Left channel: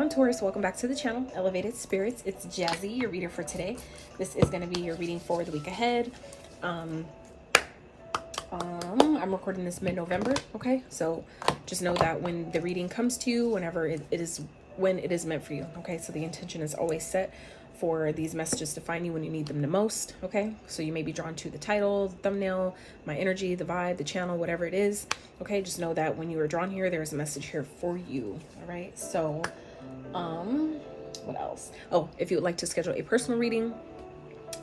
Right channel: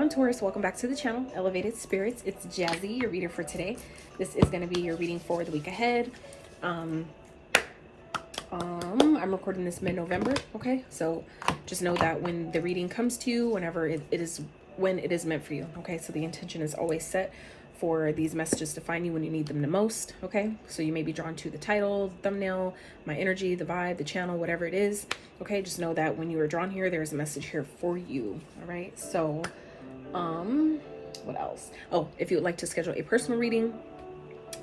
on, Taurus? Welcome back to the channel, Elevated Spirits. It's Jazi, your reader for today. This is going to be your reading for the week ahead. I'm recording this mid-November, okay? So just know that when the reading comes to you, whenever it is meant for you, okay? So the intention is always set for these messages to find you when you need them the most, okay? So you may be drawn to the title, the thumbnail, my energy, the vibe, the channel, whatever it is, okay? Just know that when you are drawn here, there's a message here for you, all right? So, what else? Oh, if you would like to schedule a personal reading,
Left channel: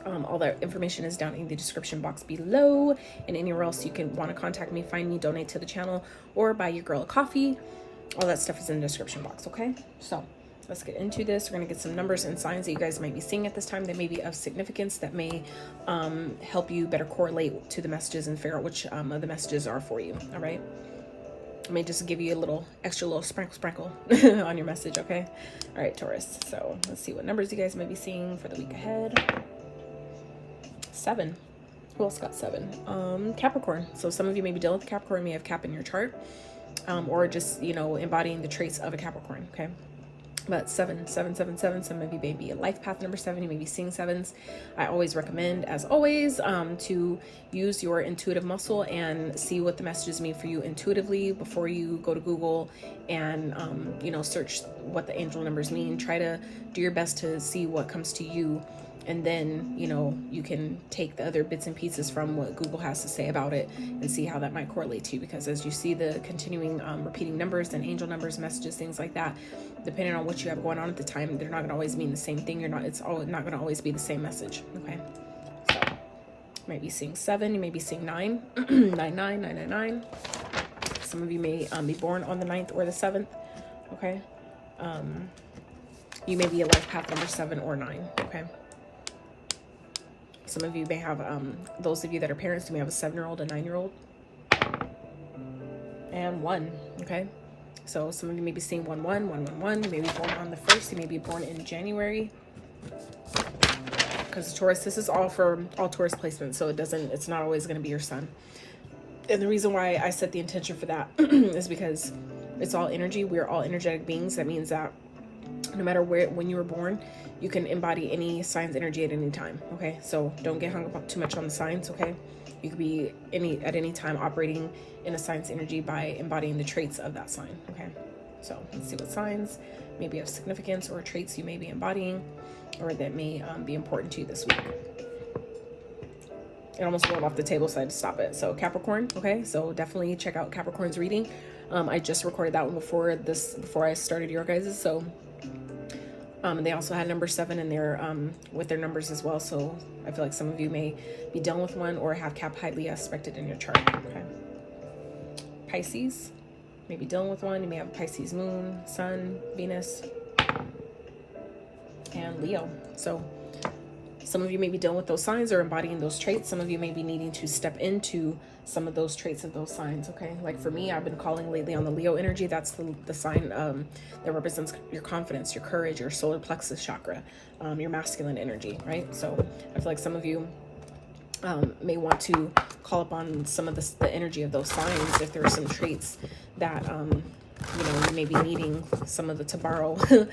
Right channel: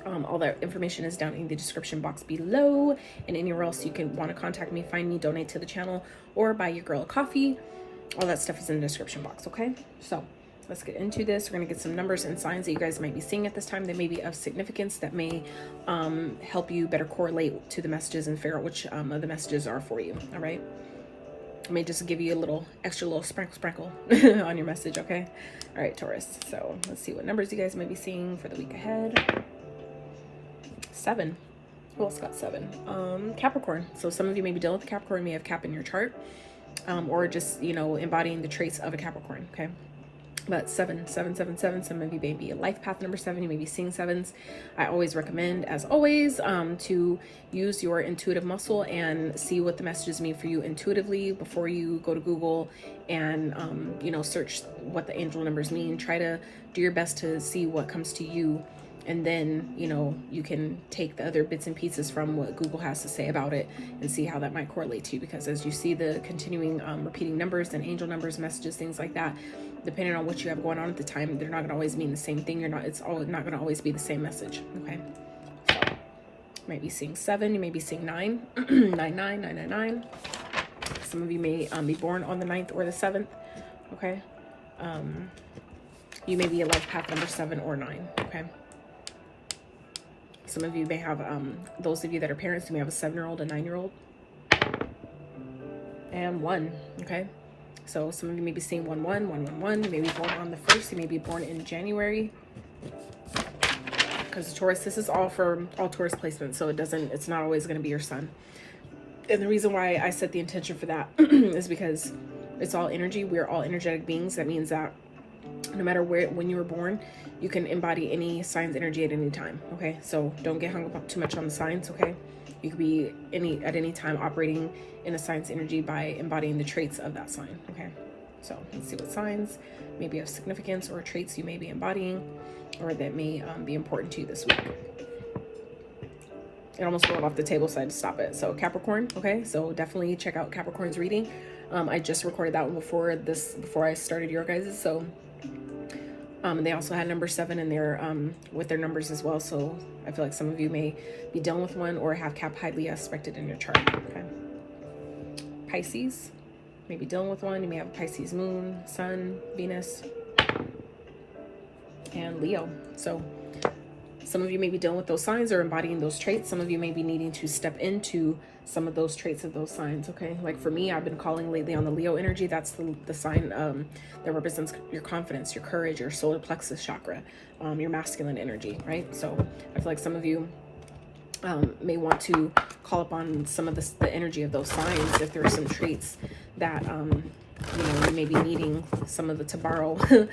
all that information is down in the description box below, and anywhere else you can want to contact me, find me, donate to the channel, or buy your girl a coffee. All that stuff is in the description box, okay? So let's get into this. We're going to get some numbers and signs that you guys might be seeing at this time that may be of significance, that may help you better correlate to the messages and figure out which of the messages are for you, all right? I may just give you a little extra little sprinkle on your message, okay? All right, Taurus. So let's see what numbers you guys might be seeing for the week ahead. 7. Who else got 7? Capricorn. So some of you may be dealing with Capricorn, may have Cap in your chart, or just, you know, embodying the traits of a Capricorn, okay? But 7, 7, 7, 7, some of you may be a life path number 7, you may be seeing 7s. I always recommend, as always, to use your intuitive muscle and see what the messages mean for you intuitively before you go to Google and, you know, search what the angel numbers mean. Try to do your best to see what comes to you, and then, you know, you can take the other bits and pieces from what Google has to say about it and see how that might correlate to you. Because as you see the continuing repeating numbers and angel numbers, messages, things like that, depending on what you have going on at the time, they're not going to always mean the same thing. It's not going to always be the same message, okay? So you might be seeing 7, you may be seeing 9, 9, 9, 9, 9, 9. Some of you may be born on the 9th or the 7th, okay? You may be a life path number 7 or 9, okay? Some of you may have, those of you that are parents, you may have a 7-year-old, a 9-year-old, and 1, okay? So some of you may be seeing 1, 1, 1, 1, 1. You may be born on the 1st. You may be born in January. Because Taurus, this is all for all Taurus placements, so it's not always going to be your sun. And the reason why I set the intention for that is because it's all energy. We are all energetic beings. That means that no matter when you were born, you can embody any sign's energy at any time, okay? So don't get hung up too much on the signs, okay? You could be at any time operating in a sign's energy by embodying the traits of that sign, okay? So let's see what signs may be of significance or traits you may be embodying or that may be important to you this week. It almost rolled off the table, so I had to stop it. So Capricorn, okay? So definitely check out Capricorn's reading. I just recorded that one before I started your guys's, so they also had number 7 in there with their numbers as well. So I feel like some of you may be dealing with one or have Cap highly aspected in your chart. Okay. Pisces, may be dealing with one. You may have a Pisces moon, sun, Venus, and Leo. So some of you may be dealing with those signs or embodying those traits. Some of you may be needing to step into some of those traits of those signs, okay? Like for me, I've been calling lately on the Leo energy. That's the sign that represents your confidence, your courage, your solar plexus chakra, your masculine energy, right? So I feel like some of you may want to call upon some of the energy of those signs if there are some traits that you know, you may be needing some of to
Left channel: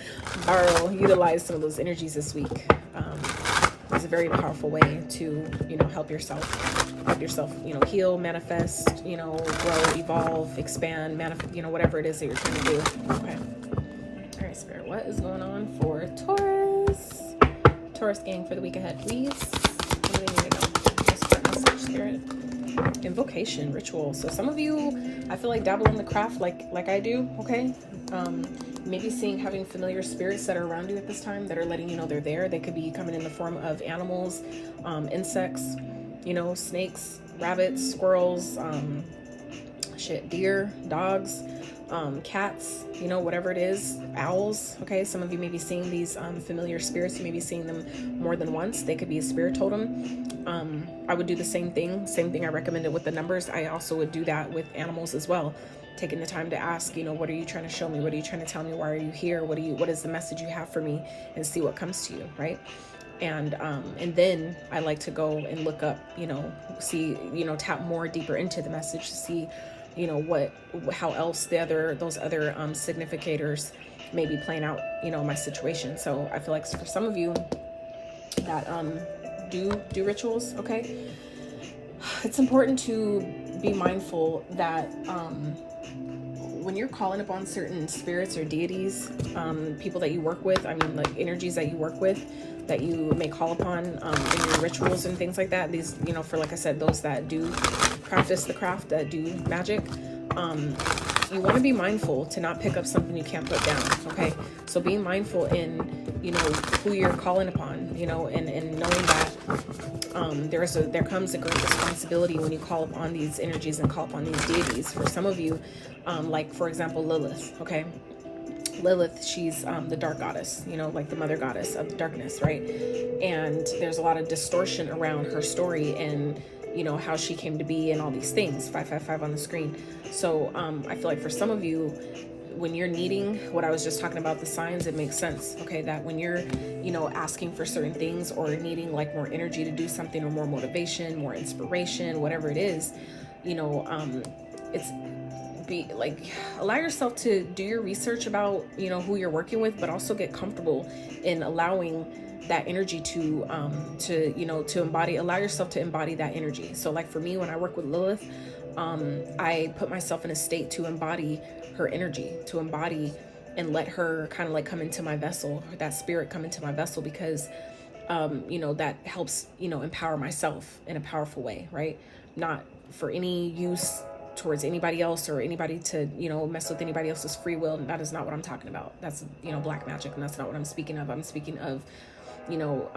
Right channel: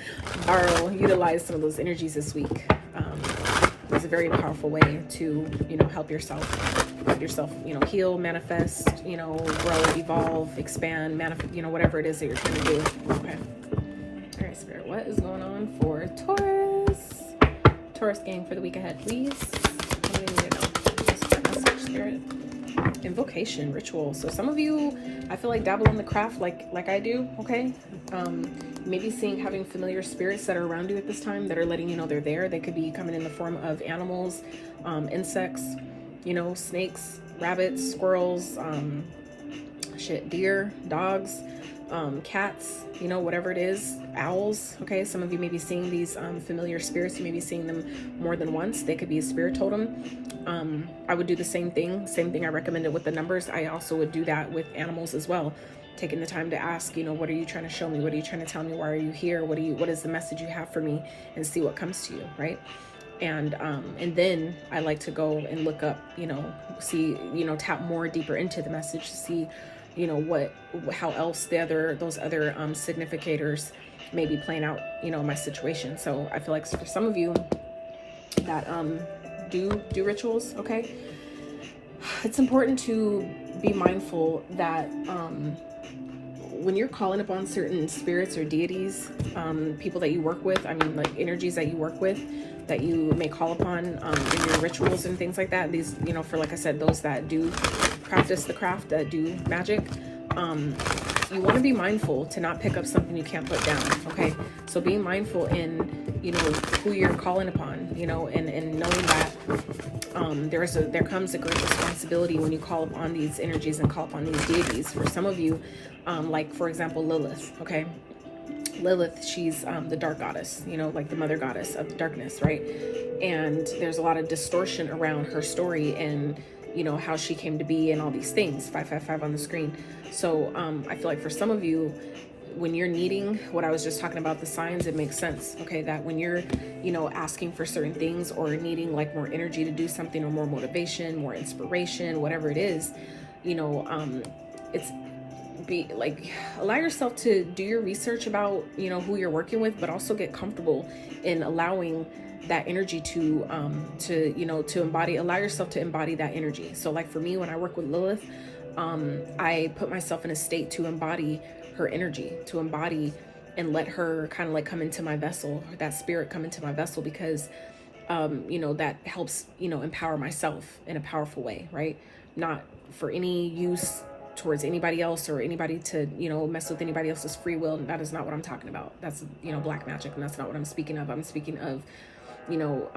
utilize some of those energies this week. It's a very powerful way to, you know, help yourself, you know, heal, manifest, you know, grow, evolve, expand, you know, whatever it is that you're trying to do. Okay. All right, Spirit, what is going on for Taurus gang for the week ahead, please? What do you need to know? Spirit. Invocation, ritual. So some of you, I feel like, dabble in the craft like I do, okay? Maybe having familiar spirits that are around you at this time that are letting you know they're there. They could be coming in the form of animals, insects, you know, snakes, rabbits, squirrels, deer, dogs, cats, you know, whatever it is, owls, okay? Some of you may be seeing these familiar spirits. You may be seeing them more than once. They could be a spirit totem. I would do the same thing I recommended with the numbers. I also would do that with animals as well. Taking the time to ask, you know, what are you trying to show me? What are you trying to tell me? Why are you here? What is the message you have for me? And see what comes to you, right? And then I like to go and look up, you know, see, you know, tap more deeper into the message to see, you know, how else those other significators may be playing out, you know, in my situation. So I feel like for some of you that do rituals, okay, it's important to be mindful that when you're calling upon certain spirits or deities, people that you work with, I mean, like energies that you work with, that you may call upon in your rituals and things like that. These, you know, for, like I said, those that do practice the craft, that do magic, you want to be mindful to not pick up something you can't put down, okay? So being mindful in, you know, who you're calling upon, you know, and knowing that there comes a great responsibility when you call upon these energies and call upon these deities. For some of you, like, for example, Lilith, okay? Lilith, she's the dark goddess, you know, like the mother goddess of darkness, right? And there's a lot of distortion around her story and, you know, how she came to be and all these things. 555 on the screen. So I feel like for some of you, when you're needing what I was just talking about, the signs, it makes sense, okay, that when you're, you know, asking for certain things or needing like more energy to do something, or more motivation, more inspiration, whatever it is, you know, it's be like, allow yourself to do your research about, you know, who you're working with, but also get comfortable in allowing that energy to you know, to embody, allow yourself to embody that energy. So like for me, when I work with Lilith, I put myself in a state to embody her energy, to embody and let her kind of like come into my vessel, that spirit come into my vessel, because you know, that helps, you know, empower myself in a powerful way, right? Not for any use towards anybody else or anybody to, you know, mess with anybody else's free will. That is not what I'm talking about. That's, you know, black magic, and that's not what I'm speaking of. I'm speaking of, you know,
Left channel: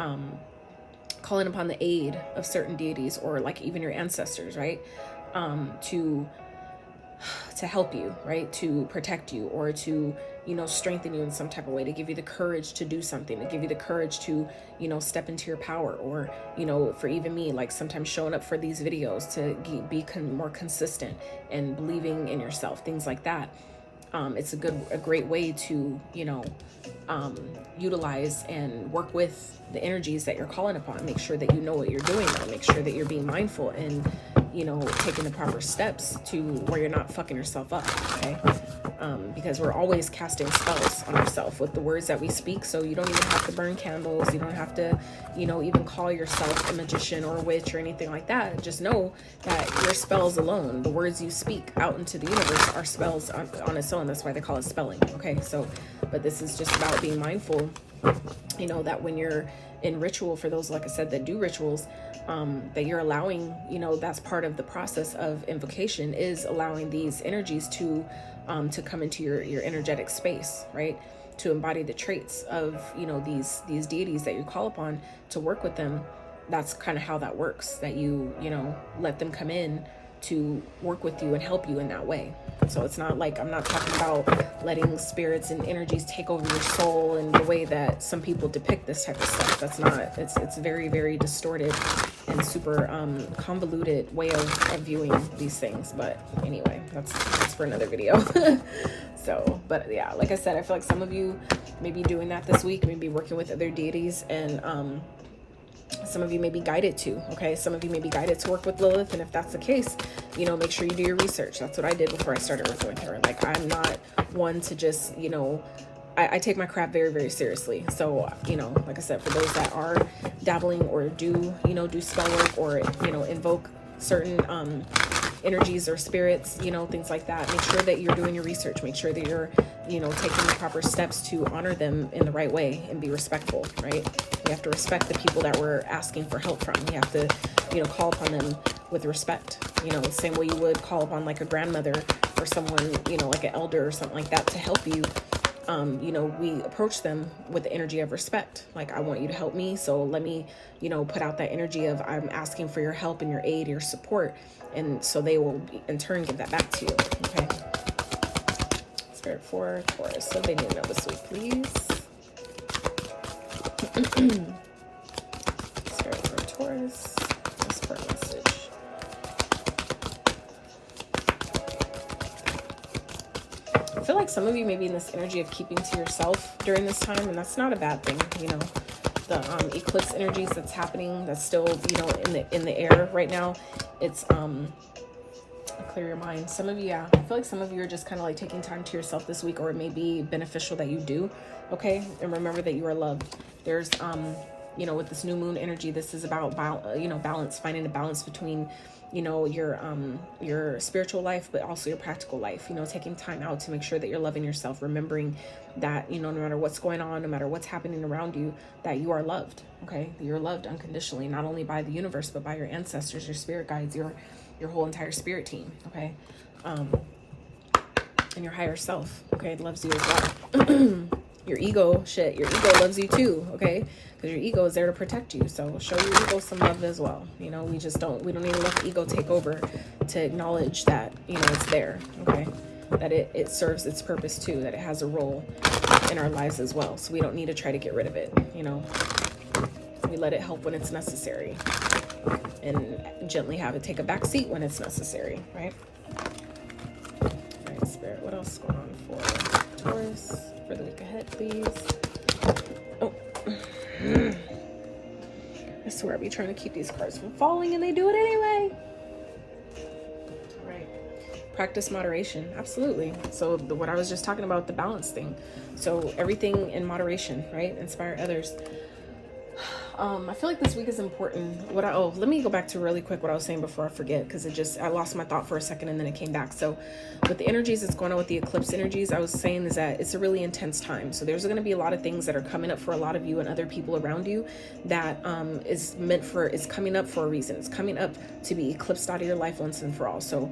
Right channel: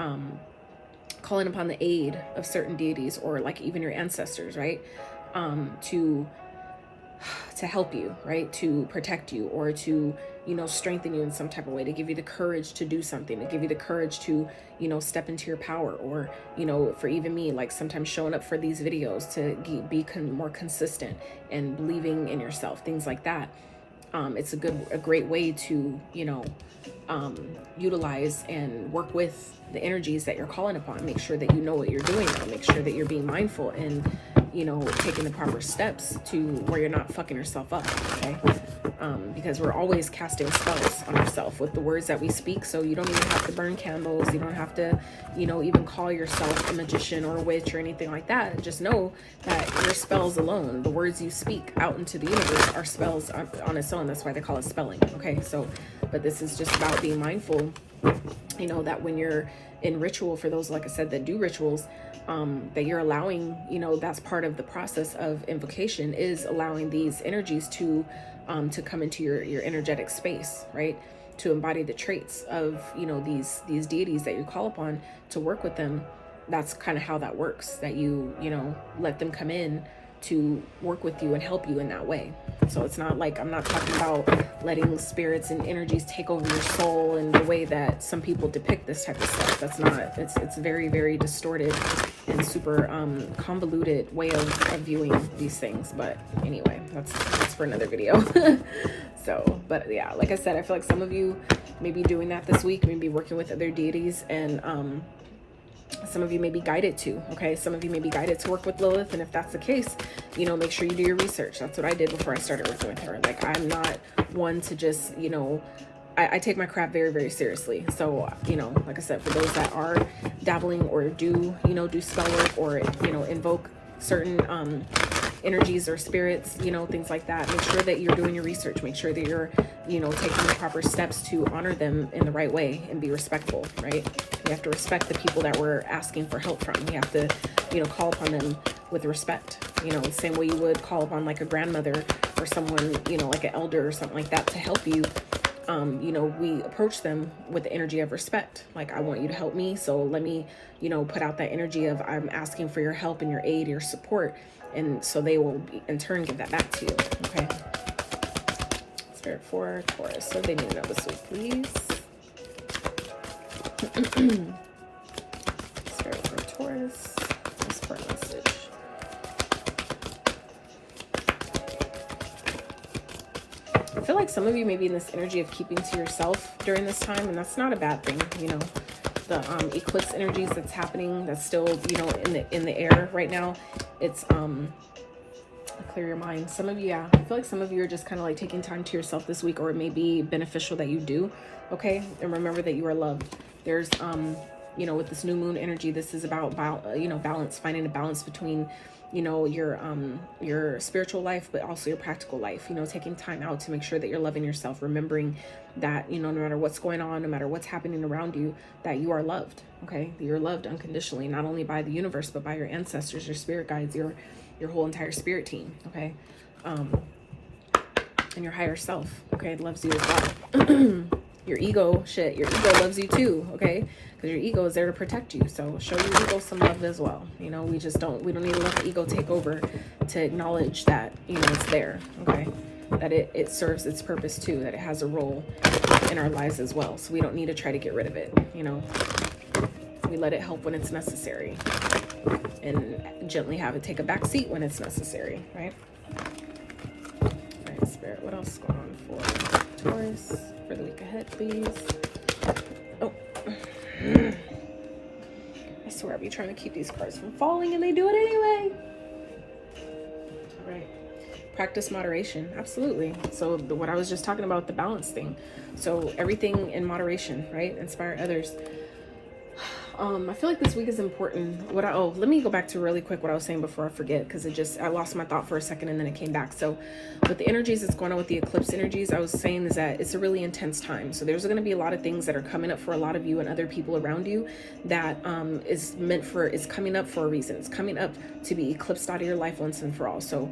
calling upon the aid of certain deities, or like even your ancestors, right? To help you, right? To protect you, or to, you know, strengthen you in some type of way, to give you the courage to do something, to give you the courage to, you know, step into your power. Or, you know, for even me, like sometimes showing up for these videos to be more consistent and believing in yourself, things like that. It's a great way to, you know, utilize and work with the energies that you're calling upon. Make sure that you know what you're doing, and make sure that you're being mindful and, you know, taking the proper steps to where you're not fucking yourself up, okay? Because we're always casting spells on ourselves with the words that we speak. So you don't even have to burn candles. You don't have to, you know, even call yourself a magician or a witch or anything like that. Just know that your spells alone, the words you speak out into the universe, are spells on its own. That's why they call it spelling, okay? So, but this is just about being mindful, you know, that when you're in ritual, for those, like I said, that do rituals, that you're allowing, you know, that's part of the process of invocation, is allowing these energies to come into your energetic space, right? To embody the traits of, you know, these deities that you call upon, to work with them. That's kind of how that works, that you know, let them come in to work with you and help you in that way. So it's not like, I'm not talking about letting spirits and energies take over your soul in the way that some people depict this type of stuff. That's not, it's very, very distorted and super convoluted way of viewing these things. But anyway, that's for another video. So, but yeah, like I said, I feel like some of you may be doing that this week, maybe working with other deities, and some of you may be guided to, okay? Some of you may be guided to work with Lilith, and if that's the case, you know, make sure you do your research. That's what I did before I started working with her. Like, I'm not one to just, you know, I take my craft very, very seriously. So, you know, like I said, for those that are dabbling or do, you know, do spell work, or, you know, invoke certain energies or spirits, you know, things like that, make sure that you're doing your research. Make sure that you're, you know, taking the proper steps to honor them in the right way and be respectful, right? We have to respect the people that we're asking for help from. We have to, you know, call upon them with respect, you know, the same way you would call upon like a grandmother or someone, you know, like an elder or something like that to help you. You know, we approach them with the energy of respect. Like, I want you to help me, so let me, you know, put out that energy of, I'm asking for your help and your aid, your support. And so they will in turn give that back to you, okay? Spirit for Taurus. So they need to know this week, please. Spirit for Taurus. This for a message. I feel like some of you may be in this energy of keeping to yourself during this time, and that's not a bad thing, you know. The eclipse energies that's happening, that's still, you know, in the air right now. It's Clear your mind. Some of you, yeah, I feel like some of you are just kind of like taking time to yourself this week, or it may be beneficial that you do. Okay, and remember that you are loved. There's you know, with this new moon energy, this is about balance, finding a balance between, you know, your spiritual life, but also your practical life. You know, taking time out to make sure that you're loving yourself, remembering that, you know, no matter what's going on, no matter what's happening around you, that you are loved. Okay, you're loved unconditionally, not only by the universe, but by your ancestors, your spirit guides, your whole entire spirit team. Okay, and your higher self. Okay, it loves you as well. Your ego loves you too. Okay, because your ego is there to protect you. So show your ego some love as well. You know, we don't need to let the ego take over to acknowledge that, you know, it's there. Okay, that it serves its purpose too, that it has a role in our lives as well. So we don't need to try to get rid of it. You know, we let it help when it's necessary, and gently have it take a back seat when it's necessary, right? All right, Spirit, what else is going on for Taurus for the week ahead, please? Oh, I swear I'll be trying to keep these cards from falling, and they do it anyway. All right, practice moderation. Absolutely. So what I was just talking about, the balance thing. So everything in moderation, right? Inspire others. I feel like this week is important. Let me go back to really quick what I was saying before I forget, because I lost my thought for a second and then it came back. So with the energies that's going on with the eclipse energies, I was saying is that it's a really intense time. So there's going to be a lot of things that are coming up for a lot of you and other people around you that is coming up for a reason. It's coming up to be eclipsed out of your life once and for all. So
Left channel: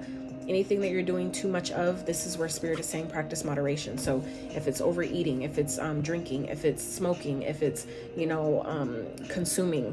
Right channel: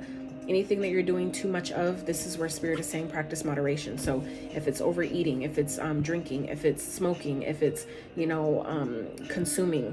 anything that you're doing too much of, this is where Spirit is saying practice moderation. So if it's overeating, if it's drinking, if it's smoking, if it's, you know, consuming,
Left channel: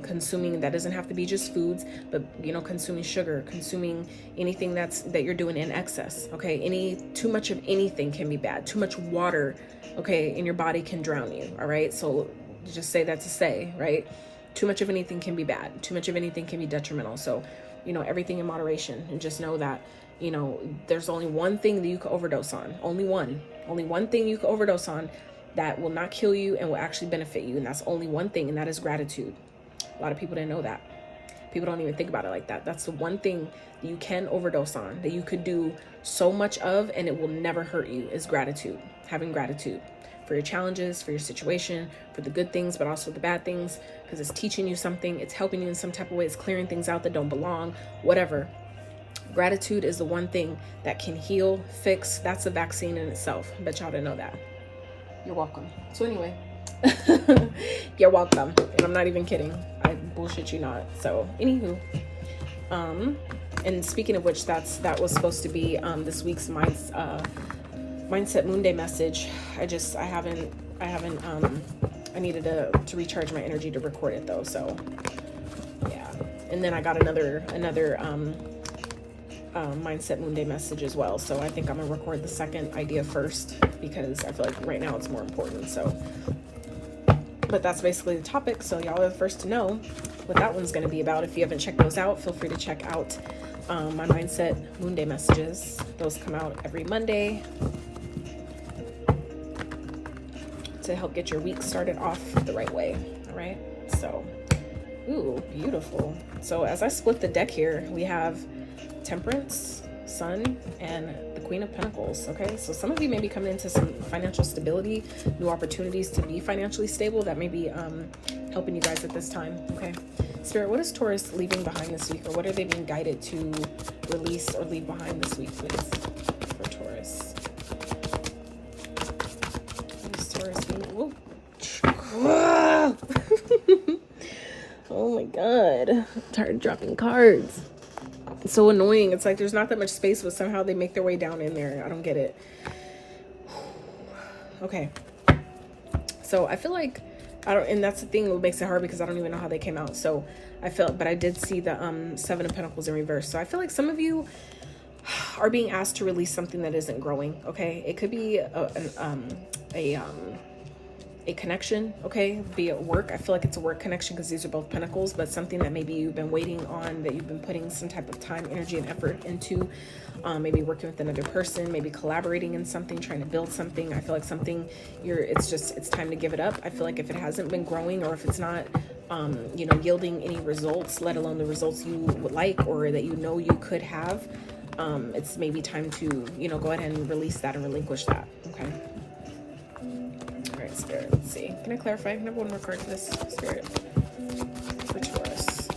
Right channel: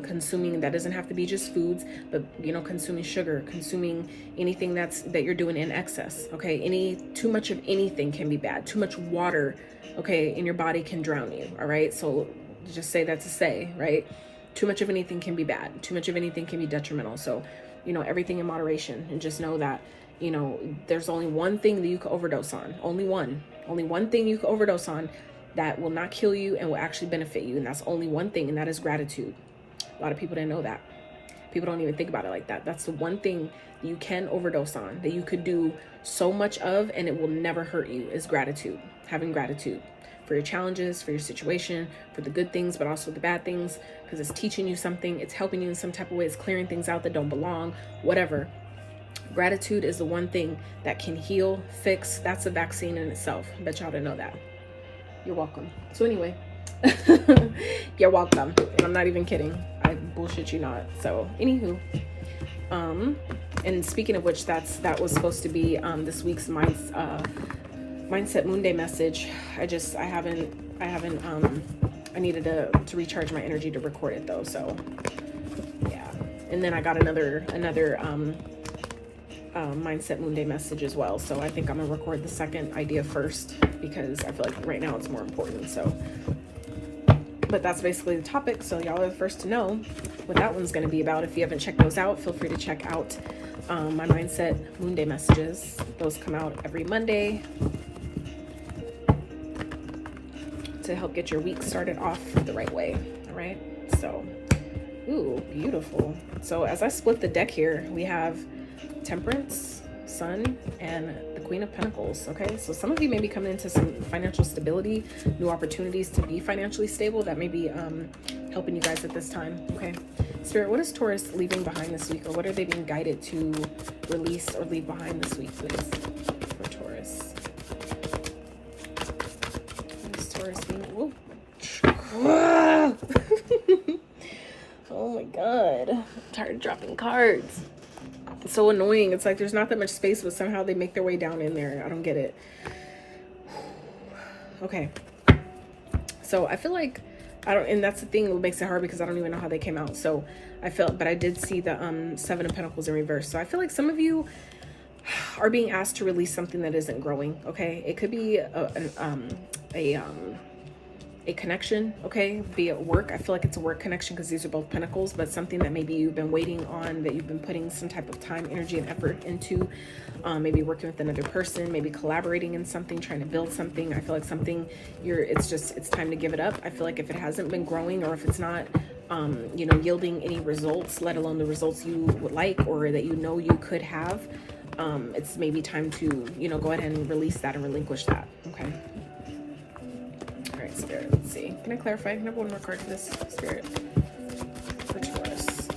that doesn't have to be just foods, but, you know, consuming sugar, consuming anything that you're doing in excess. Okay, too much of anything can be bad. Too much water, okay, in your body can drown you. All right, so just say that to say, right? Too much of anything can be bad. Too much of anything can be detrimental. So, you know, everything in moderation, and just know that, you know, there's only one thing that you can overdose on. Only one thing you can overdose on that will not kill you and will actually benefit you. And that's only one thing, and that is gratitude. A lot of people didn't know that. People don't even think about it like that. That's the one thing that you can overdose on, that you could do so much of and it will never hurt you, is gratitude. Having gratitude for your challenges, for your situation, for the good things, but also the bad things, because it's teaching you something. It's helping you in some type of way. It's clearing things out that don't belong, whatever. Gratitude is the one thing that can heal, fix. That's a vaccine in itself. I bet y'all didn't know that. You're welcome. So anyway, you're welcome. And I'm not even kidding. I bullshit you not. So anywho, and speaking of which, that was supposed to be this week's Mindset Moon Day message. I needed to recharge my energy to record it though. So yeah. And then I got another Mindset Moon Day message as well. So I think I'm gonna record the second idea first, because I feel like right now it's more important. So, but that's basically the topic. So y'all are the first to know what that one's gonna be about. If you haven't checked those out, feel free to check out my Mindset Moon Day messages. Those come out every Monday to help get your week started off the right way. All right. So, ooh, beautiful. So as I split the deck here, we have Temperance, Sun, and the Queen of Pentacles. Okay, so some of you may be coming into some financial stability, new opportunities to be financially stable that may be helping you guys at this time. Okay, Spirit, what is Taurus leaving behind this week, or what are they being guided to release or leave behind this week, please, for Taurus? What is Taurus being... Oh my god, I'm tired of dropping cards. It's so annoying. It's like there's not that much space, but somehow they make their way down in there. I don't get it. Okay. So I feel like and that's the thing that makes it hard, because I don't even know how they came out. So but I did see the Seven of Pentacles in reverse. So I feel like some of you are being asked to release something that isn't growing. Okay. It could be a connection, okay, be at work. I feel like it's a work connection because these are both pentacles, but something that maybe you've been waiting on, that you've been putting some type of time, energy, and effort into, maybe working with another person, maybe collaborating in something, trying to build something. I feel like something it's time to give it up. I feel like if it hasn't been growing, or if it's not you know, yielding any results, let alone the results you would like or that you know you could have, it's maybe time to, you know, go ahead and release that or relinquish that. Okay. All right, Spirit, let's see. Can I clarify? Can I have one more card for this, Spirit? For Taurus.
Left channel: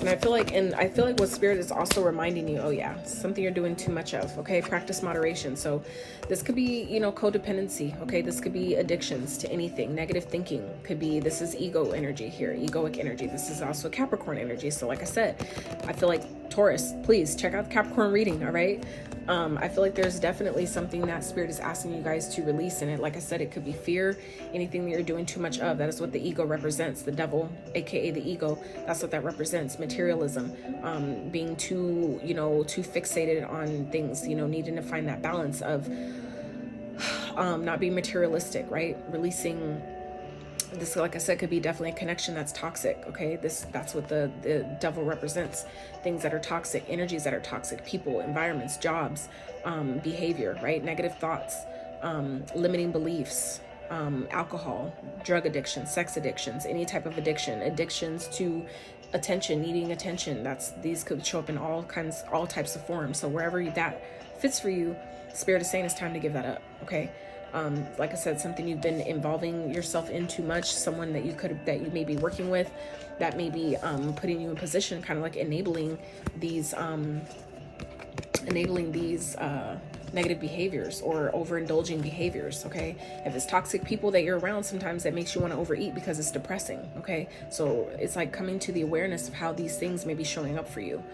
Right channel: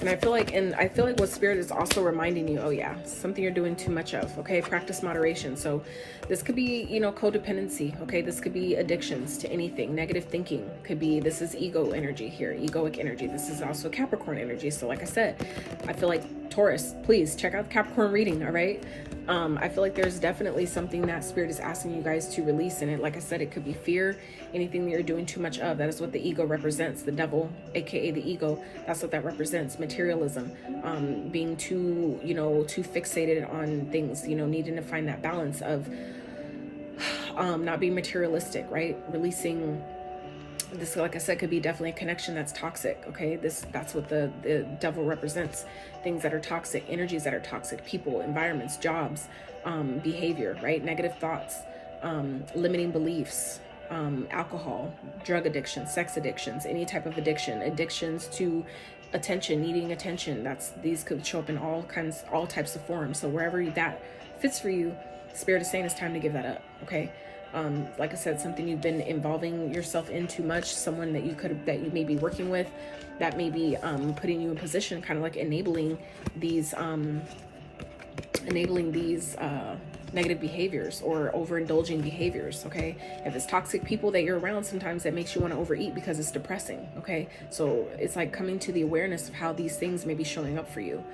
And I feel like what Spirit is also reminding you, oh yeah, something you're doing too much of. Okay, practice moderation. So this could be, you know, codependency. Okay, this could be addictions to anything. Negative thinking could be, this is ego energy here, egoic energy. This is also Capricorn energy. So like I said, I feel like Taurus, please check out the Capricorn reading. All right. I feel like there's definitely something that Spirit is asking you guys to release in it. Like I said, it could be fear, anything that you're doing too much of. That is what the ego represents. The devil, aka the ego, that's what that represents. Materialism, being too, you know, too fixated on things, you know, needing to find that balance of not being materialistic, right? Releasing this, like I said, could be definitely a connection that's toxic. Okay, that's what the devil represents. Things that are toxic, energies that are toxic, people, environments, jobs, behavior, right? Negative thoughts, limiting beliefs, alcohol, drug addiction, sex addictions, any type of addiction, addictions to attention, needing attention. These could show up in all types of forms. So wherever that fits for you, Spirit is saying it's time to give that up. Okay. Like I said, something you've been involving yourself in too much, someone that you may be working with, that may be putting you in position, kind of like enabling these negative behaviors or overindulging behaviors. Okay, if it's toxic people that you're around, sometimes that makes you want to overeat because it's depressing. Okay, so it's like coming to the awareness of how these things may be showing up for you.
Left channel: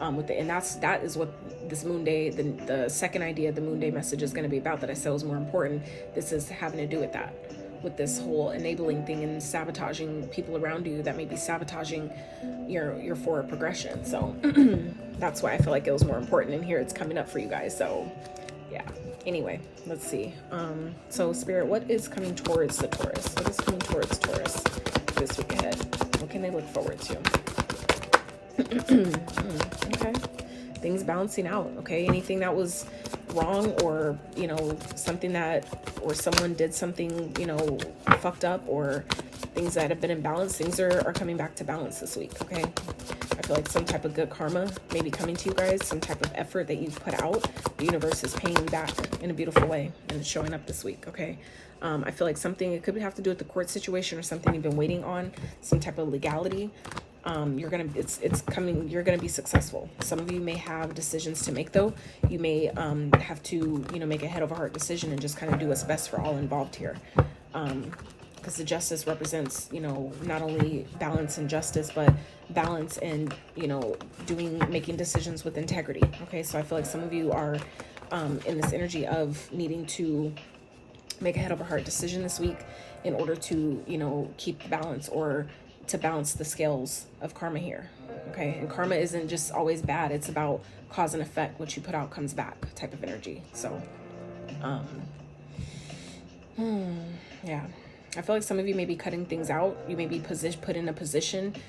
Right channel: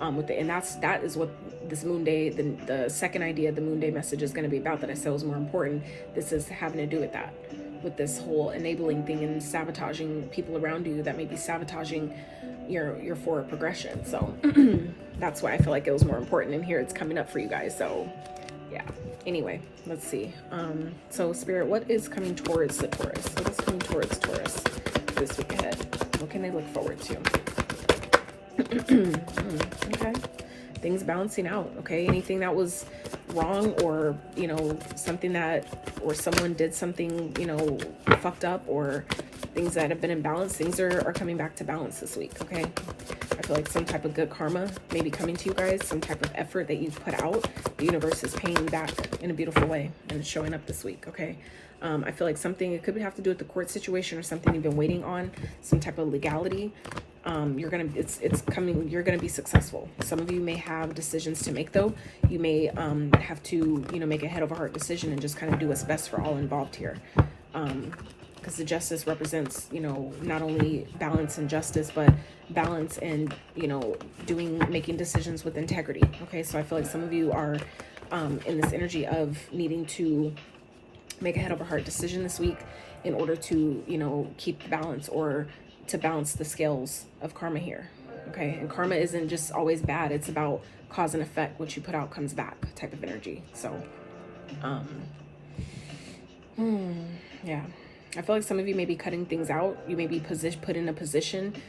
And that is what this moon day, the second idea of the moon day message is going to be about, that I said was more important. This is having to do with that, with this whole enabling thing and sabotaging people around you that may be sabotaging your forward progression. So that's why I feel like it was more important, and here it's coming up for you guys. So yeah, anyway, let's see. So Spirit, what is coming towards the Taurus? What is coming towards Taurus this week ahead? What can they look forward to? Okay, things balancing out. Okay, anything that was wrong, or you know, something that, or someone did something, you know, fucked up, or things that have been imbalanced, things are coming back to balance this week. Okay, I feel like some type of good karma may be coming to you guys, some type of effort that you've put out, the universe is paying you back in a beautiful way and showing up this week. Okay, I feel like something, it could have to do with the court situation or something you've been waiting on, some type of legality. It's coming, you're gonna be successful. Some of you may have decisions to make though. You may have to, you know, make a head over heart decision and just kind of do what's best for all involved here. Because the justice represents, you know, not only balance and justice, but balance and, you know, making decisions with integrity. Okay, so I feel like some of you are in this energy of needing to make a head over heart decision this week in order to, you know, keep the balance, or to balance the scales of karma here. Okay, and karma isn't just always bad, it's about cause and effect. What you put out comes back type of energy. So yeah, I feel like some of you may be cutting things out. You may be put in a position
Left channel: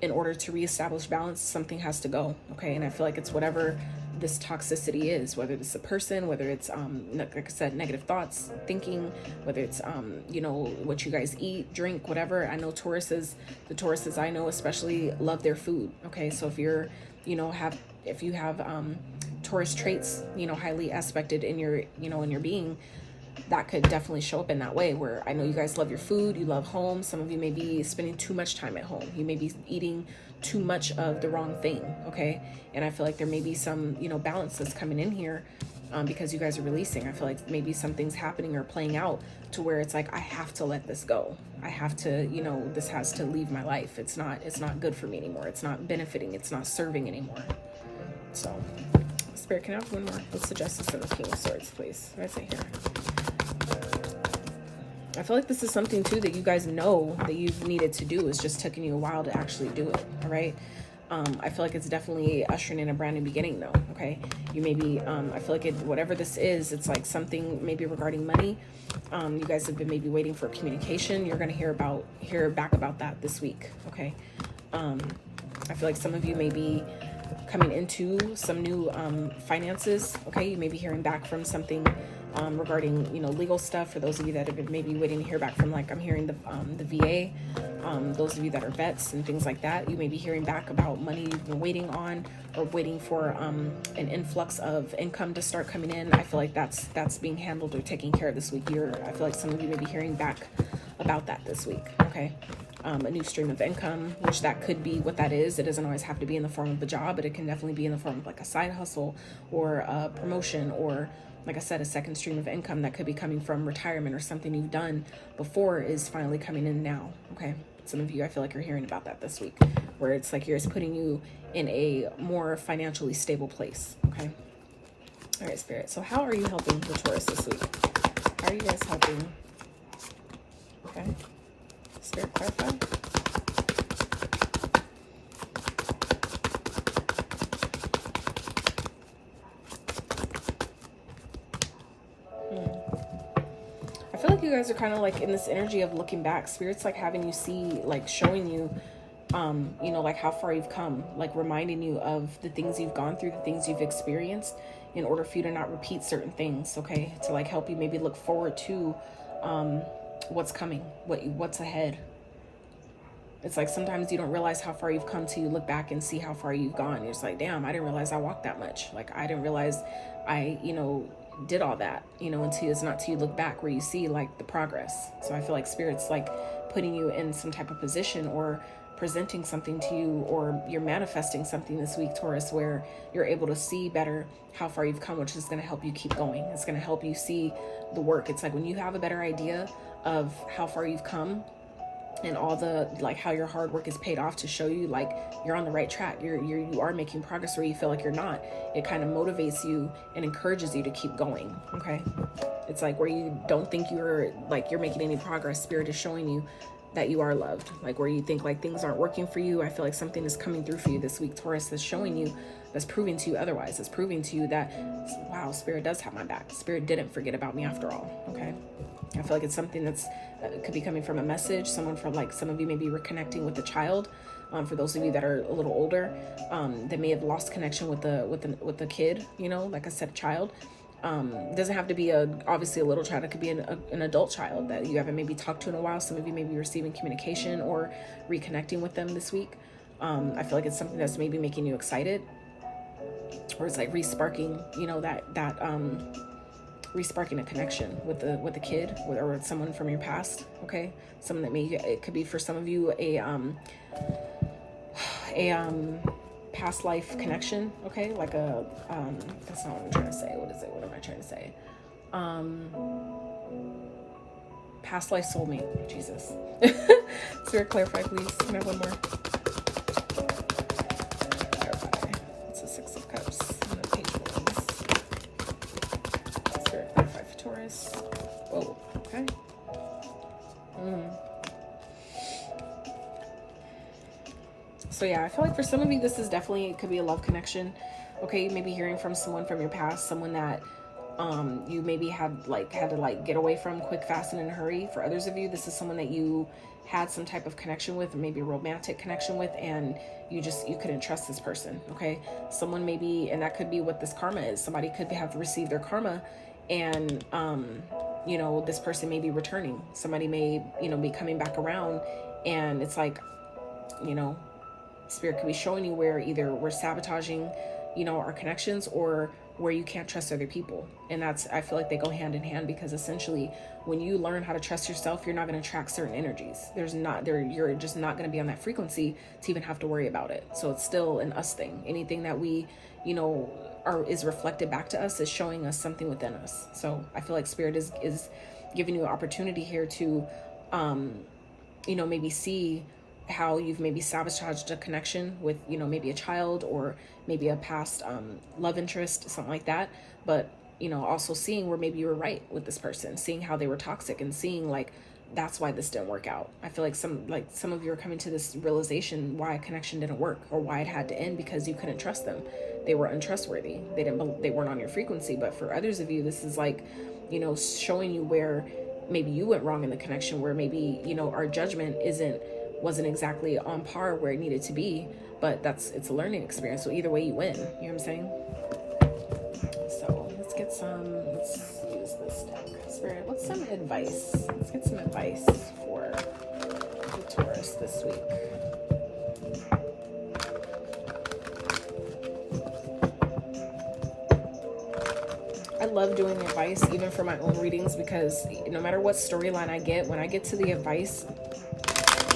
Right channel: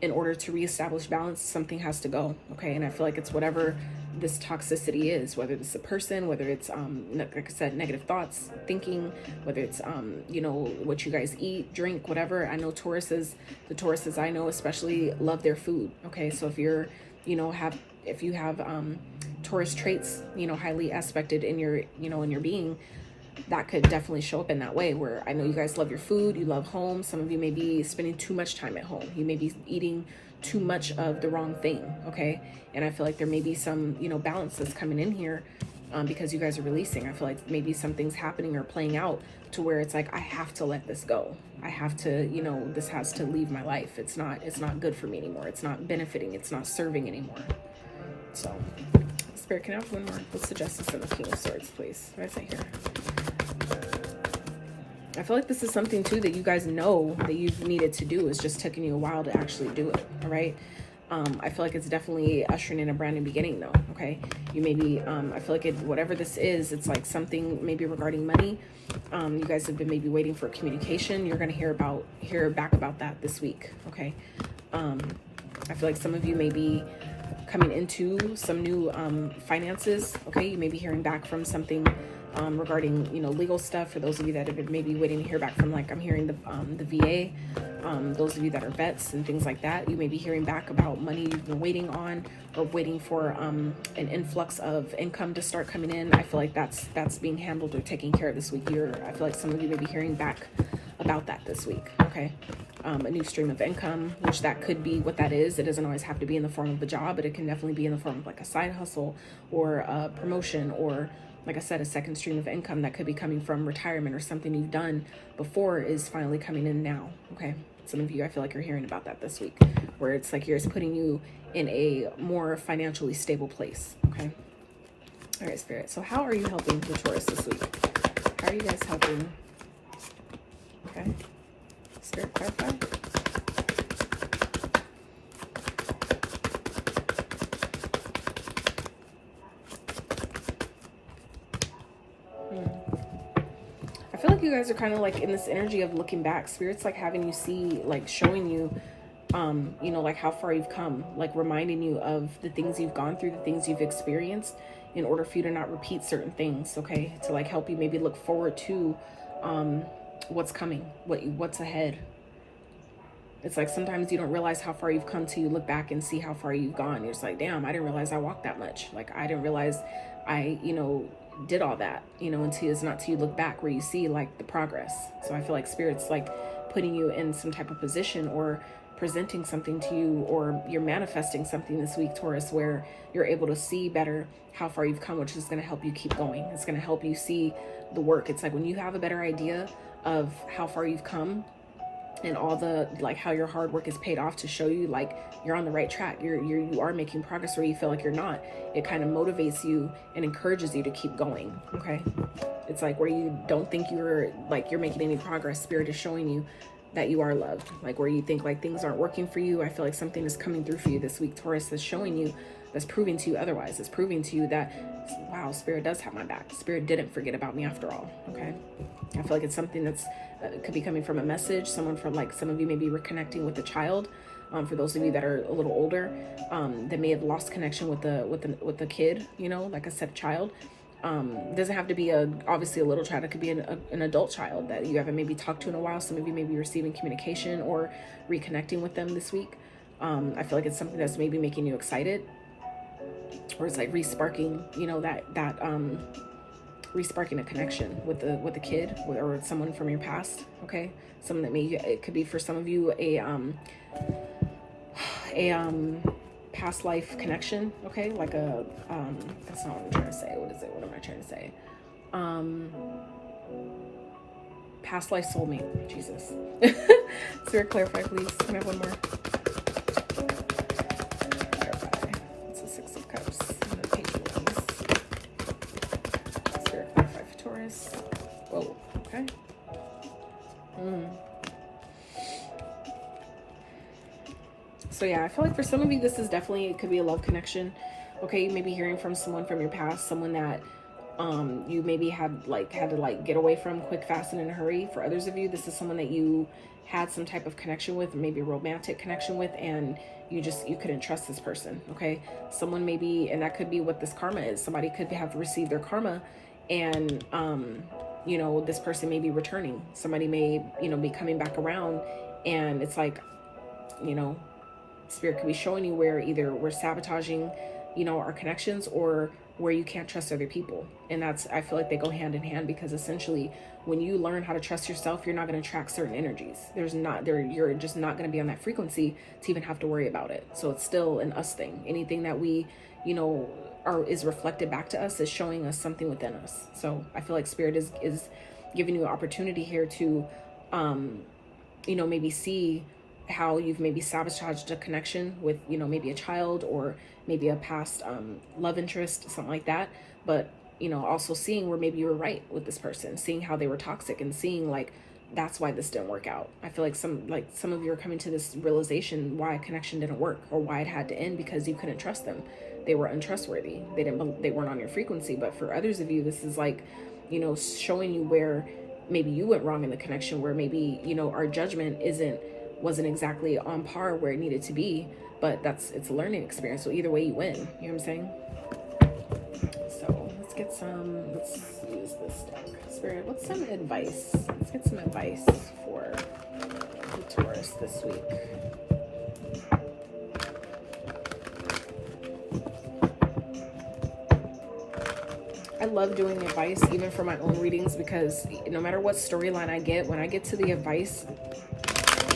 in order to reestablish balance. Something has to go. Okay, and I feel like it's whatever this toxicity is, whether it's a person, whether it's like I said, negative thoughts, thinking, whether it's you know, what you guys eat, drink, whatever. I know the Tauruses I know especially love their food. Okay, so if you're, you know, if you have Taurus traits, you know, highly aspected in your, you know, in your being, that could definitely show up in that way, where I know you guys love your food, you love home. Some of you may be spending too much time at home. You may be eating too much of the wrong thing. Okay, and I feel like there may be some, you know, balances coming in here because you guys are releasing. I feel like maybe something's happening or playing out to where it's like, I have to let this go. I have to, you know, this has to leave my life. It's not good for me anymore. It's not benefiting. It's not serving anymore. So Spirit, can I have one more? What's the Justice and the King of Swords, please? What did I say here? I feel like this is something too that you guys know that you've needed to do. It's just taking you a while to actually do it. All right. I feel like it's definitely ushering in a brand new beginning though. Okay. You may be, I feel like whatever this is, it's like something maybe regarding money. You guys have been maybe waiting for communication. You're going to hear back about that this week. Okay. I feel like some of you may be coming into some new finances. Okay, you may be hearing back from something regarding, you know, legal stuff. For those of you that have been maybe waiting to hear back from, like I'm hearing the VA, those of you that are vets and things like that, you may be hearing back about money you've been waiting on, or waiting for an influx of income to start coming in. I feel like that's being handled or taken care of this week. I feel like some of you may be hearing back about that this week. Okay. A new stream of income, which that could be what that is. It doesn't always have to be in the form of a job, but it can definitely be in the form of like a side hustle or a promotion, or like I said, a second stream of income that could be coming from retirement, or something you've done before is finally coming in now. Okay. Some of you, I feel like you're hearing about that this week, where it's like it's putting you in a more financially stable place. Okay. All right, Spirit. So how are you helping the Taurus this week? How are you guys helping? Okay. Spirit, clarify. I feel like you guys are kind of like in this energy of looking back. Spirit's like having you see, like showing you, you know, like how far you've come, like reminding you of the things you've gone through, the things you've experienced, in order for you to not repeat certain things. Okay. To like help you maybe look forward to, what's coming, what's ahead. It's like sometimes you don't realize how far you've come till you look back and see how far you've gone. You're just like, damn, I didn't realize I walked that much. Like, I didn't realize I, you know, did all that, you know, until it's not till you look back where you see like the progress. So I feel like Spirit's like putting you in some type of position, or presenting something to you, or you're manifesting something this week, Taurus, where you're able to see better how far you've come, which is going to help you keep going. It's going to help you see the work. It's like when you have a better idea of how far you've come, and all the, like, how your hard work is paid off to show you like you're on the right track, you are making progress where you feel like you're not. It kind of motivates you and encourages you to keep going. Okay. It's like where you don't think you're making any progress, Spirit is showing you that you are loved. Like where you think like things aren't working for you, I feel like something is coming through for you this week, Taurus, that's showing you, that's proving to you otherwise. It's proving to you that, wow, Spirit does have my back. Spirit didn't forget about me after all. Okay. I feel like it's something that's could be coming from a message, someone from, like, some of you may be reconnecting with a child. For those of you that are a little older, that may have lost connection with the kid, you know, like I said, child. Doesn't have to be obviously a little child. It could be an adult child that you haven't maybe talked to in a while. Some of you may be receiving communication or reconnecting with them this week. I feel like it's something that's maybe making you excited, or it's like re-sparking, you know, that re-sparking a connection with the kid, or with someone from your past. Okay. Someone that it could be for some of you a past life connection. Okay. Like that's not what I'm trying to say. What is it? What am I trying to say? Past life soulmate. Jesus. Spirit, clarify, please. Can I have one more? Clarify. It's a 6 of Cups. And a Page of Wands. Spirit, clarify for Taurus. Whoa. Okay. So yeah, I feel like for some of you, this is definitely, it could be a love connection. Okay, you may be hearing from someone from your past, someone that you maybe had to get away from quick, fast, and in a hurry. For others of you, this is someone that you had some type of connection with, maybe a romantic connection with, and you couldn't trust this person. Okay, someone maybe, and that could be what this karma is. Somebody could have received their karma, and you know, this person may be returning. Somebody may, you know, be coming back around, and it's like, you know, Spirit could be showing you where either we're sabotaging, you know, our connections, or where you can't trust other people. And that's, I feel like they go hand in hand, because essentially when you learn how to trust yourself, you're not going to attract certain energies. You're just not going to be on that frequency to even have to worry about it. So it's still an us thing. Anything that we, you know, is reflected back to us is showing us something within us. So I feel like Spirit is giving you an opportunity here to, you know, maybe see how you've maybe sabotaged a connection with, you know, maybe a child, or maybe a past love interest, something like that. But, you know, also seeing where maybe you were right with this person, seeing how they were toxic, and seeing like, that's why this didn't work out. I feel like some of you are coming to this realization why a connection didn't work, or why it had to end, because you couldn't trust them. They were untrustworthy. They weren't on your frequency. But for others of you, this is like, you know, showing you where maybe you went wrong in the connection, where maybe, you know, our judgment wasn't exactly on par where it needed to be, but it's a learning experience. So either way you win, you know what I'm saying? So let's get some, let's use this deck. Spirit, what's some advice? Let's get some advice for the Taurus this week. I love doing advice even for my own readings, because no matter what storyline I get, when I get to the advice,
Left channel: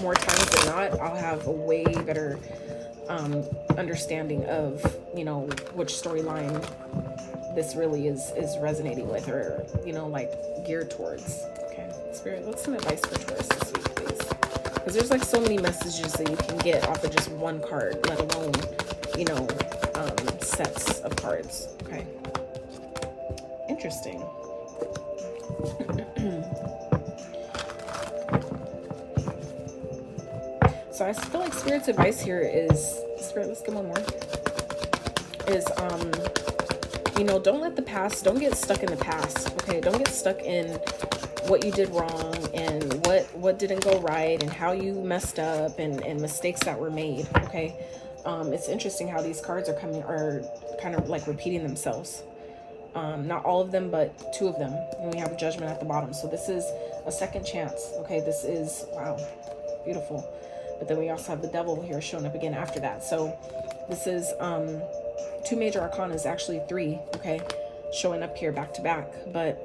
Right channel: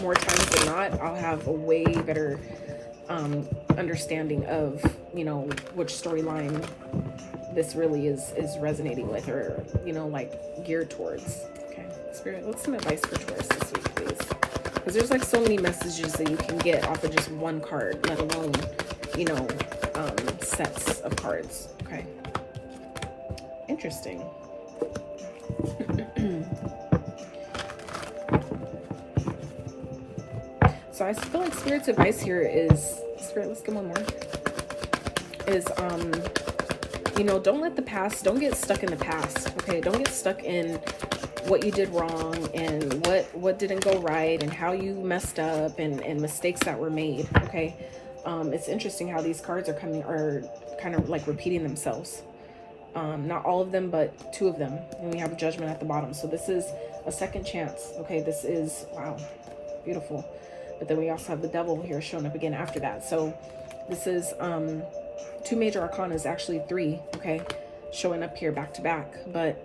more times than not, I'll have a way better understanding of, you know, which storyline this really is resonating with, or, you know, like geared towards. Okay, Spirit, what's some advice for Taurus this week, please? Because there's like so many messages that you can get off of just one card, let alone, you know, sets of cards. Okay. Interesting. So I feel like Spirit's advice here is, Spirit, let's give one more, is, you know, don't let the past, don't get stuck in the past, okay? Don't get stuck in what you did wrong and what didn't go right and how you messed up and mistakes that were made, okay? It's interesting how these cards are kind of like repeating themselves. Not all of them, but two of them. And we have a Judgment at the bottom. So this is a second chance. Okay, this is, wow, beautiful. But then we also have the Devil here showing up again after that. So this is two major arcana, is actually three, okay, showing up here back to back. But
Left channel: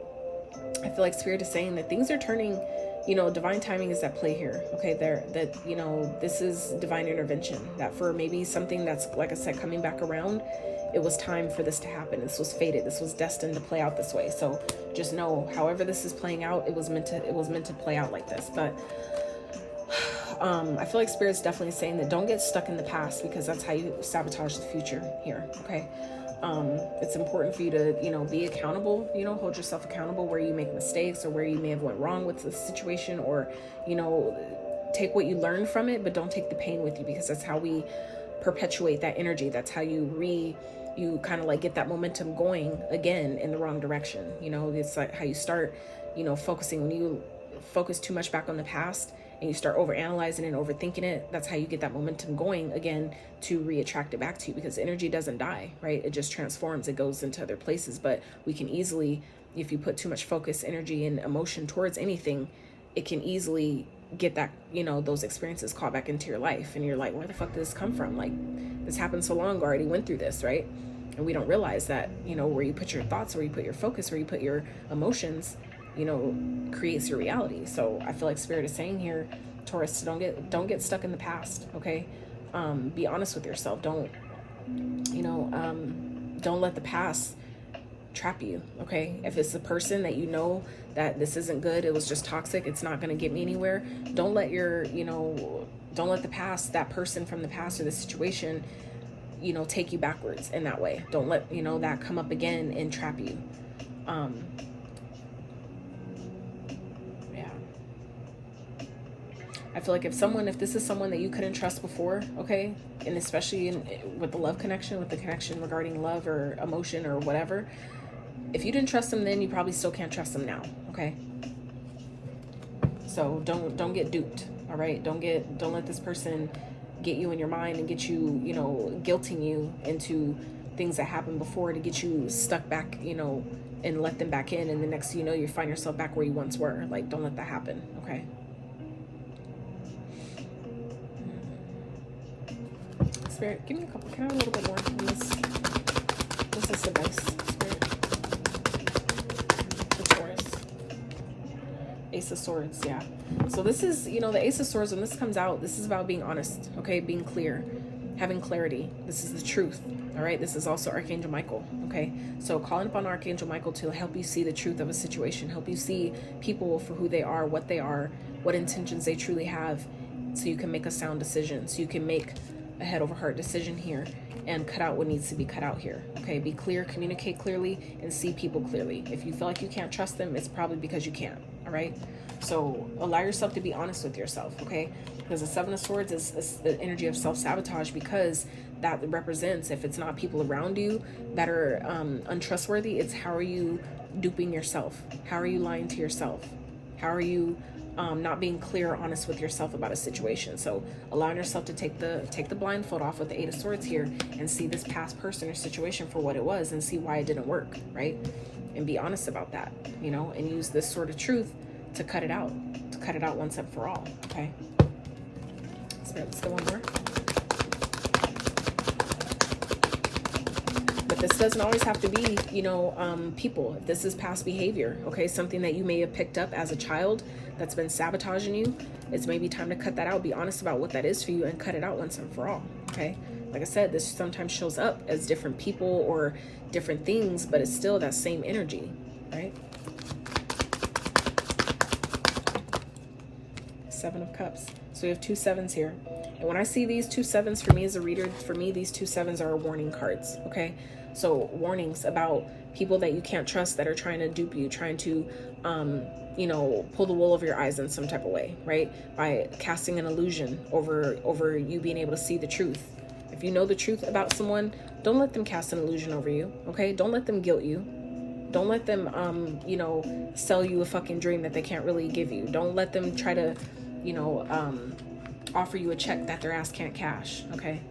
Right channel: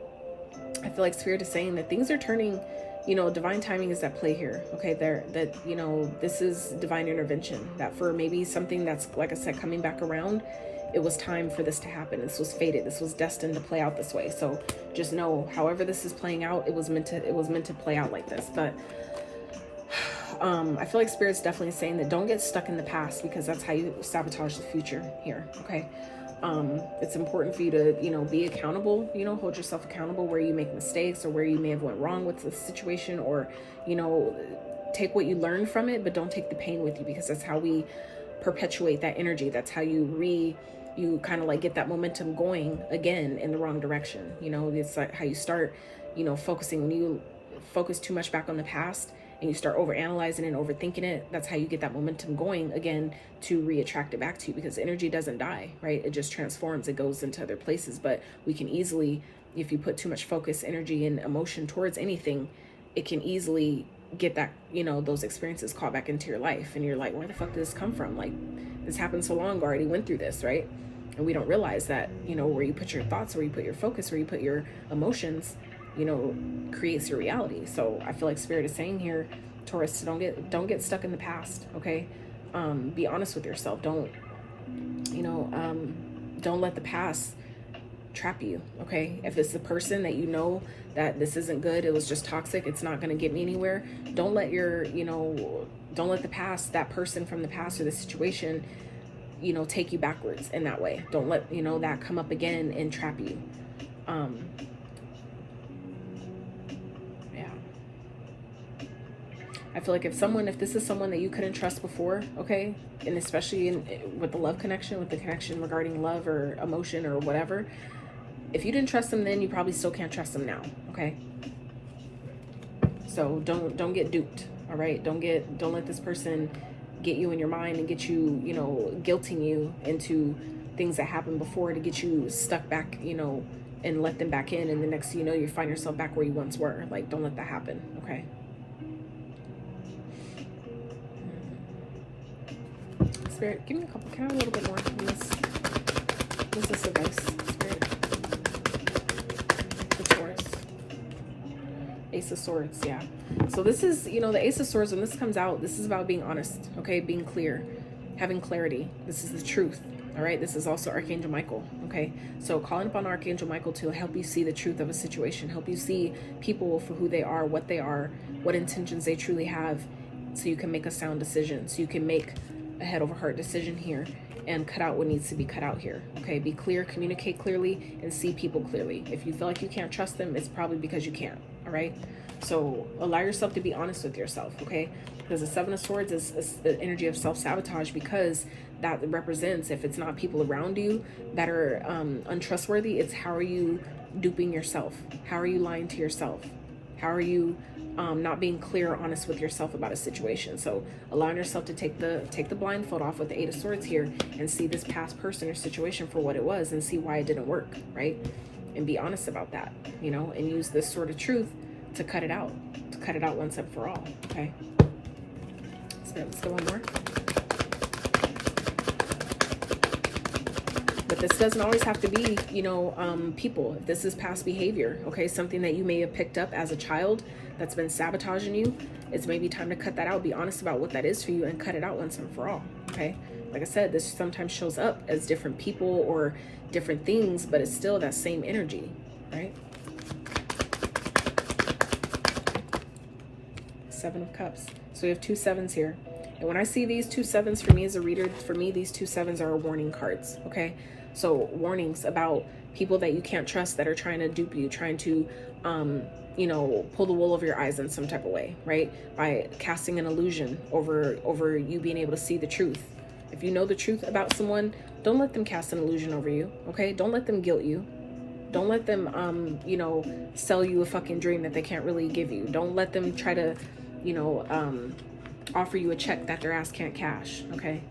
I feel like Spirit is saying that things are turning, you know, divine timing is at play here. Okay, that, you know, this is divine intervention. That for maybe something that's, like I said, coming back around, it was time for this to happen. This was fated. This was destined to play out this way. So just know, however this is playing out, it was meant to play out like this. But I feel like Spirit's definitely saying that don't get stuck in the past, because that's how you sabotage the future here. Okay. It's important for you to, you know, be accountable, you know, hold yourself accountable where you make mistakes or where you may have went wrong with the situation, or, you know, take what you learned from it, but don't take the pain with you, because that's how we perpetuate that energy. That's how you kind of like get that momentum going again in the wrong direction. You know, it's like how you start, you know, focusing. When you focus too much back on the past and you start over analyzing and overthinking it, that's how you get that momentum going again to re-attract it back to you, because energy doesn't die, right? It just transforms. It goes into other places. But we can easily, if you put too much focus, energy, and emotion towards anything, it can easily get that, you know, those experiences caught back into your life, and you're like, where the fuck did this come from? Like, this happened so long ago, I already went through this, right? And we don't realize that, you know, where you put your thoughts, where you put your focus, where you put your emotions, you know, creates your reality. So I feel like Spirit is saying here, Taurus, don't get stuck in the past. Okay. Be honest with yourself. Don't let the past trap you. Okay. If it's the person that you know that this isn't good, it was just toxic, it's not going to get me anywhere, don't let the past, that person from the past or the situation, you know, take you backwards in that way. Don't let, you know, that come up again and trap you. I feel like if this is someone that you couldn't trust before, okay, and especially with the love connection, with the connection regarding love or emotion or whatever, if you didn't trust them then, you probably still can't trust them now, okay? So don't get duped, all right? Don't let this person get you in your mind and get you, you know, guilting you into things that happened before to get you stuck back, you know, and let them back in, and the next thing you know, you find yourself back where you once were. Like, don't let that happen, okay? Spirit, give me a couple. Can I have a little bit more from this? What's this advice, Spirit? The Taurus. Ace of Swords, yeah. So this is, you know, the Ace of Swords, when this comes out, this is about being honest, okay? Being clear, having clarity. This is the truth, all right? This is also Archangel Michael, okay? So calling upon Archangel Michael to help you see the truth of a situation, help you see people for who they are, what intentions they truly have, so you can make a sound decision, so you can make a head over heart decision here and cut out what needs to be cut out here, okay? Be clear, communicate clearly, and see people clearly. If you feel like you can't trust them, it's probably because you can't, all right? So allow yourself to be honest with yourself, okay? Because the Seven of Swords is the energy of self-sabotage, because that represents, if it's not people around you that are untrustworthy, it's how are you duping yourself? How are you lying to yourself? How are you not being clear or honest with yourself about a situation. So allowing yourself to take the blindfold off with the 8 of Swords here and see this past person or situation for what it was and see why it didn't work, right? And be honest about that, you know, and use this sort of truth to cut it out once and for all, okay? Let's go one more. But this doesn't always have to be, you know, people. If this is past behavior, okay, something that you may have picked up as a child that's been sabotaging you, it's maybe time to cut that out. Be honest about what that is for you and cut it out once and for all, okay? Like I said, this sometimes shows up as different people or different things, but it's still that same energy, right? 7 of Cups. So we have 2 7s here. And when I see these 2 7s, for me as a reader, for me, these 2 7s are warning cards, okay? So warnings about people that you can't trust that are trying to dupe you, trying to, you know, pull the wool over your eyes in some type of way, right? By casting an illusion over you being able to see the truth. If you know the truth about someone, don't let them cast an illusion over you, okay? Don't let them guilt you. Don't let them, you know, sell you a fucking dream that they can't really give you. Don't let them try to, you know, offer you a check that their ass can't cash, okay?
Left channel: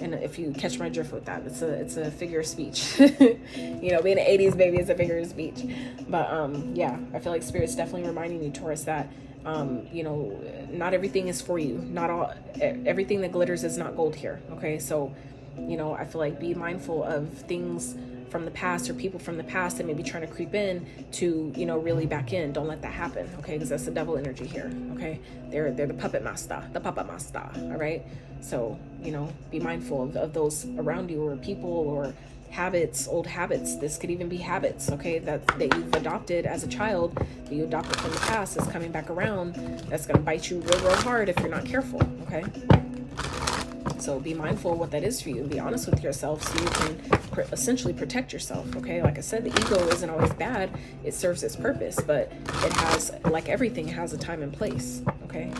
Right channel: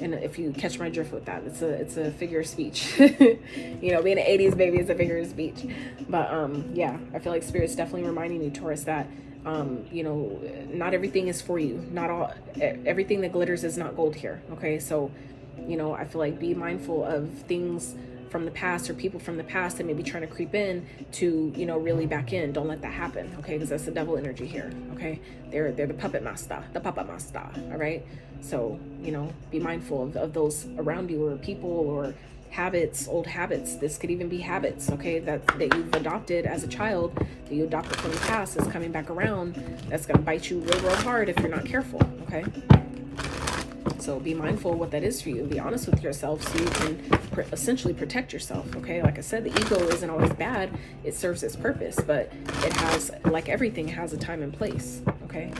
And if you catch my drift with that, it's a figure of speech. You know, being an 80s baby is a figure of speech. But yeah, I feel like Spirit's definitely reminding you, Taurus, that you know, not everything is for you. Not all, everything that glitters is not gold here, okay? So, you know, I feel like be mindful of things from the past or people from the past that may be trying to creep in to, you know, really back in. Don't let that happen, okay? Because that's the devil energy here, okay? They're the puppet master, all right? So, you know, be mindful of those around you or people or habits, old habits. This could even be habits, okay, that you've adopted as a child, that you adopted from the past, is coming back around. That's going to bite you real hard if you're not careful, okay? So be mindful of what that is for you. Be honest with yourself so you can essentially protect yourself, okay? Like I said, the ego isn't always bad. It serves its purpose, but it has, like everything, has a time and place, okay?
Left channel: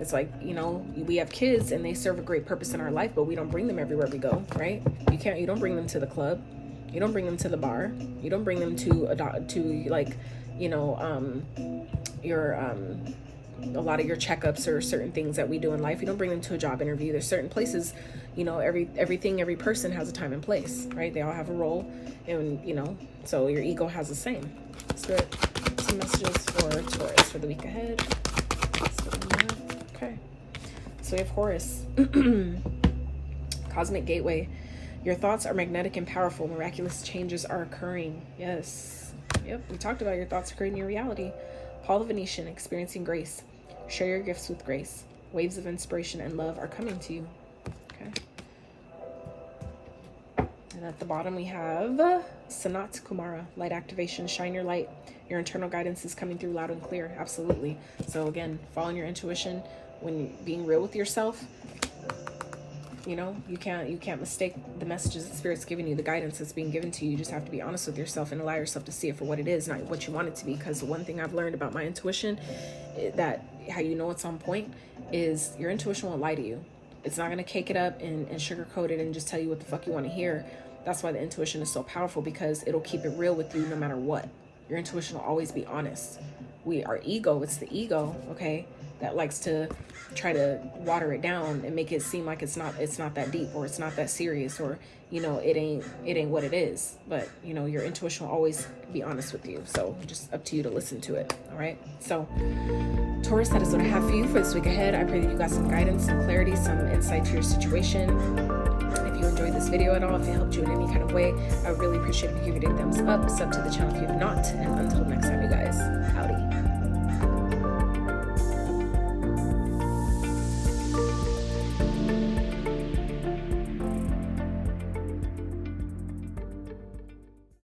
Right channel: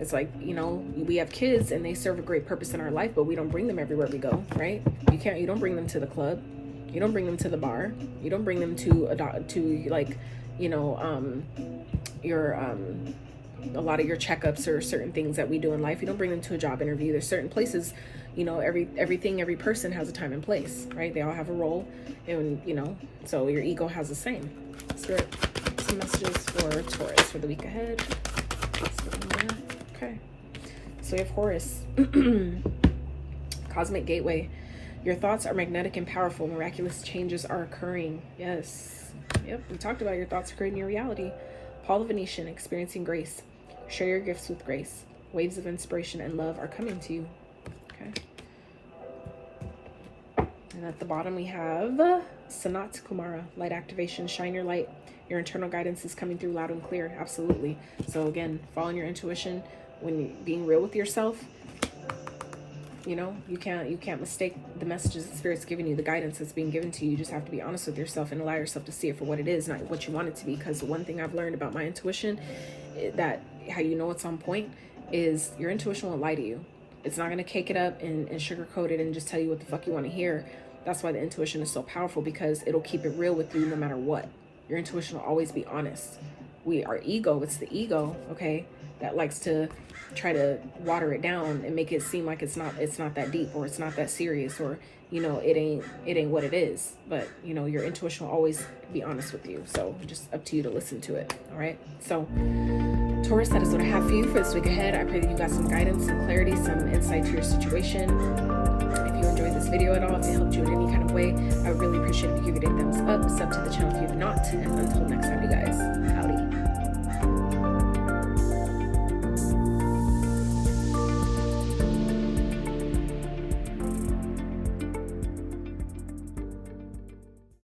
It's like, you know, we have kids and they serve a great purpose in our life, but we don't bring them everywhere we go, right? You don't bring them to the club. You don't bring them to the bar. You don't bring them to like, you know, your, a lot of your checkups or certain things that we do in life. You don't bring them to a job interview. There's certain places, you know, every person has a time and place, right? They all have a role, and, you know, so your ego has the same. Spirit, some messages for Taurus for the week ahead. Okay, so we have Horus. Cosmic gateway. Your thoughts are magnetic and powerful. Miraculous changes are occurring. Yes. Yep, we talked about your thoughts creating your reality. Paul the Venetian, experiencing grace. Share your gifts with grace. Waves of inspiration and love are coming to you. Okay. And at the bottom we have Sanat Kumara, light activation. Shine your light. Your internal guidance is coming through loud and clear. Absolutely. So again, following your intuition, when being real with yourself, you know, you can't mistake the messages that Spirit's giving you, the guidance that's being given to you. You just have to be honest with yourself and allow yourself to see it for what it is, not what you want it to be. Because the one thing I've learned about my intuition, that how you know it's on point, is your intuition won't lie to you. It's not going to cake it up and sugarcoat it and just tell you what the fuck you want to hear. That's why the intuition is so powerful, because it'll keep it real with you no matter what. Your intuition will always be honest. Our ego, it's the ego, okay, that likes to try to water it down and make it seem like it's not that deep, or it's not that serious, or, you know, it ain't what it is. But, you know, your intuition will always be honest with you. So just up to you to listen to it. All right. So Taurus, that is what I have for you for this week ahead. I pray that you got some guidance, some clarity, some insight to your situation. If you enjoyed this video at all, if it helped you in any kind of way, I would really appreciate if you give it a thumbs up. Sub to the channel if you have not. And until next time.